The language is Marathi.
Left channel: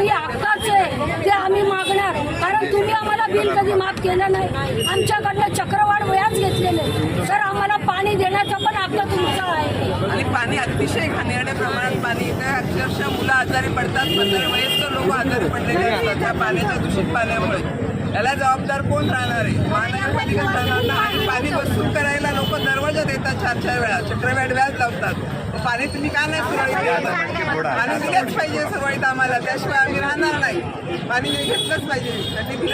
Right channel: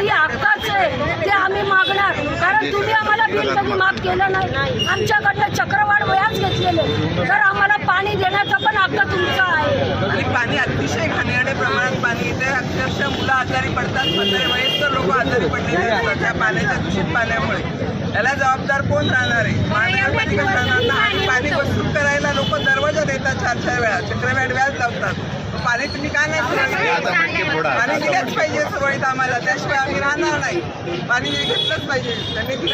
आणि हक्काचं आहे. ते आम्ही मागणार. कारण तुम्ही आम्हाला बिल कधी माफ केलं नाही. आमच्याकडनं चक्रवाढ व्याज घेतलेले तर आम्हाला पाणी देण्याचा पण हक्क तुमचा आहे. आणि पाणी अतिशय घाणेरड्या प्रमाणात पाणी येते. अक्षरशः मुलं आजारी पडतात. म्हातारे वयस्कर लोक आजारी पडलेले असतात. त्या पाण्याच्या दूषित पाण्यामुळे. त्याला जबाबदार कोण राहणार आहे? महानगरपालिका राहणार आणि पाणी वसूल करायला लोक दरवाजा देतात चार चार वेळा. चक्रव्याड व्याज लावतात. पाणी तुम्ही का नाही देत? पाणी दिलंच पाहिजे सुरळीत आम्हाला. त्याशिवाय आम्ही राहणार नाही. पाणी घेतलंच पाहिजे. त्यांनी दिलं